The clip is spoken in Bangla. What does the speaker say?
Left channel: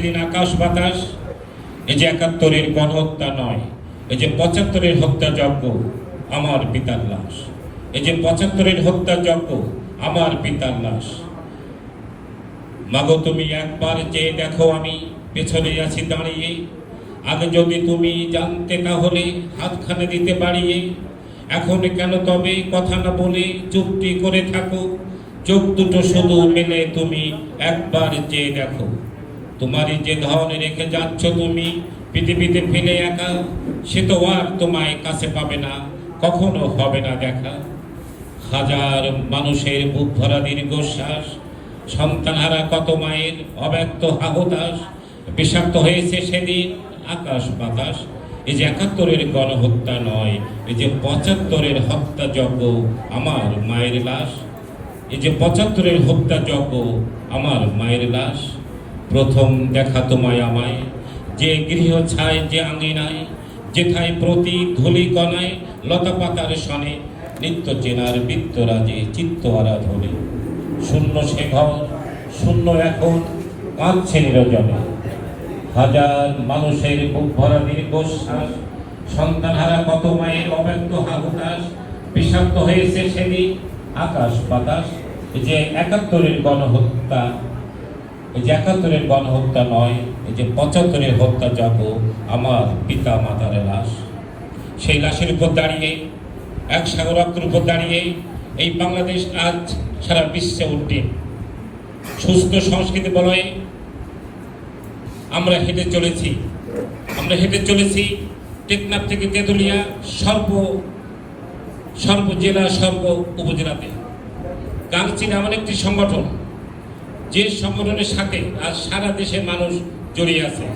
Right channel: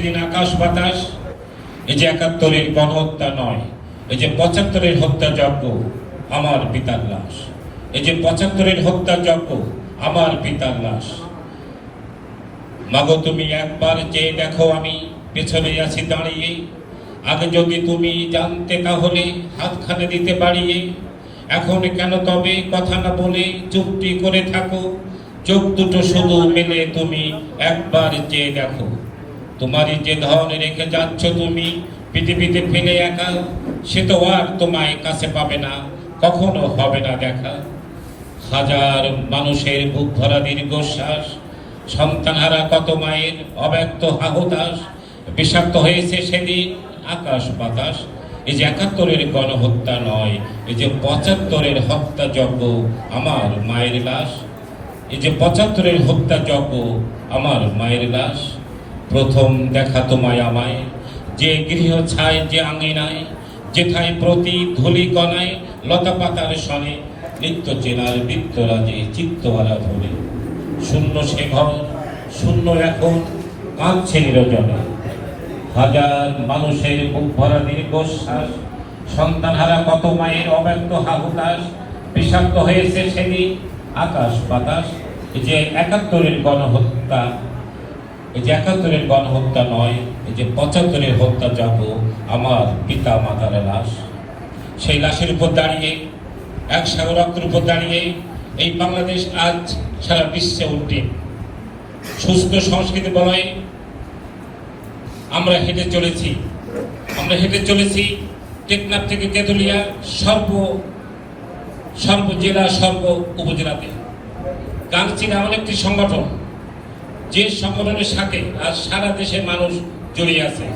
সেদিন আকাশ বাতাস, এই যে একাত্তরের গণহত্যা নয়, এই যে পঁচাত্তরের হত্যা যজ্ঞ, আমার পিতার লাশ। এই যে পঁচাত্তরের হত্যা যজ্ঞ, আমার পিতার লাশ। মাগো, তুমি একবার যে দেখো আমি পেছনে আছি দাঁড়িয়ে। আগে যদি তুমি জানতে তাহলে হাতখানে দিতে পারিয়ে। এখন কেন তবে কথা না বলে চুপটি করে থাকো? চোখ দুটো শুধু মেলে তুমি একবার যে দেখো। তোমারই যে ধন রেখে যাচ্ছ তুমি, পৃথিবীতে ফেলে একা, সে তো আর তোমায় কাছে পাবে না, কখনো হবে না দেখা। হাজার মানুষের বুক ভরা দীর্ঘশ্বাস, সন্তানহারা কত মায়ের অব্যক্ত হাহুতাস বিষাক্ত হয়েছে সেদিন আকাশ বাতাস। এই যে একাত্তরের গণহত্যা নয়, এই যে পঁচাত্তরের হত্যা যজ্ঞ আমার মায়ের লাশ। এই যে পঁচাত্তরের হত্যা যজ্ঞ আমার মায়ের লাশ। প্রথম দেখা তোমায় আমায়। যে গৃহ ছায়, যে আঙিনায়, যেথায় প্রতি ধুলি কণায়, লতা পাতার সনে, নিত্য চেনার বৃত্তরাজে চিত্ত আরাধনে। শূন্য সে ঘর শূন্য এখন কাঁদছে নিরজনে হাজার মানুষের বুক ভরা দীর্ঘশ্বাস, সন্তানহারা কত মায়ের অব্যক্ত হাহুতাস বিষাক্ত হয়েছে সেদিন আকাশ বাতাস, যে একাত্তরের গণহত্যা এই যে একাত্তরের গণহত্যা নয়, এই যে পঁচাত্তরের হত্যা যাব আমার পিতা মাতার লাশ, সেই লাশের উপর দাঁড়িয়ে, এক সাগর রক্তের উপর দাঁড়িয়ে এই বাংলাদেশ আজ সারা বিশ্বে উঠে। সুস্থ সংস্কৃতি বলয় আমরা হেঁটে চলেছি, আমরা হেঁটে চলেছি টেকনাফ থেকে তেতুলিয়া সর্ব সর্ব জেলা, সর্ব উপজেলাতে। গাংচির এমন একটি সংগঠন যে সংগঠনের সাথে আজ সারা দেশের মানুষ জড়িয়ে আছে।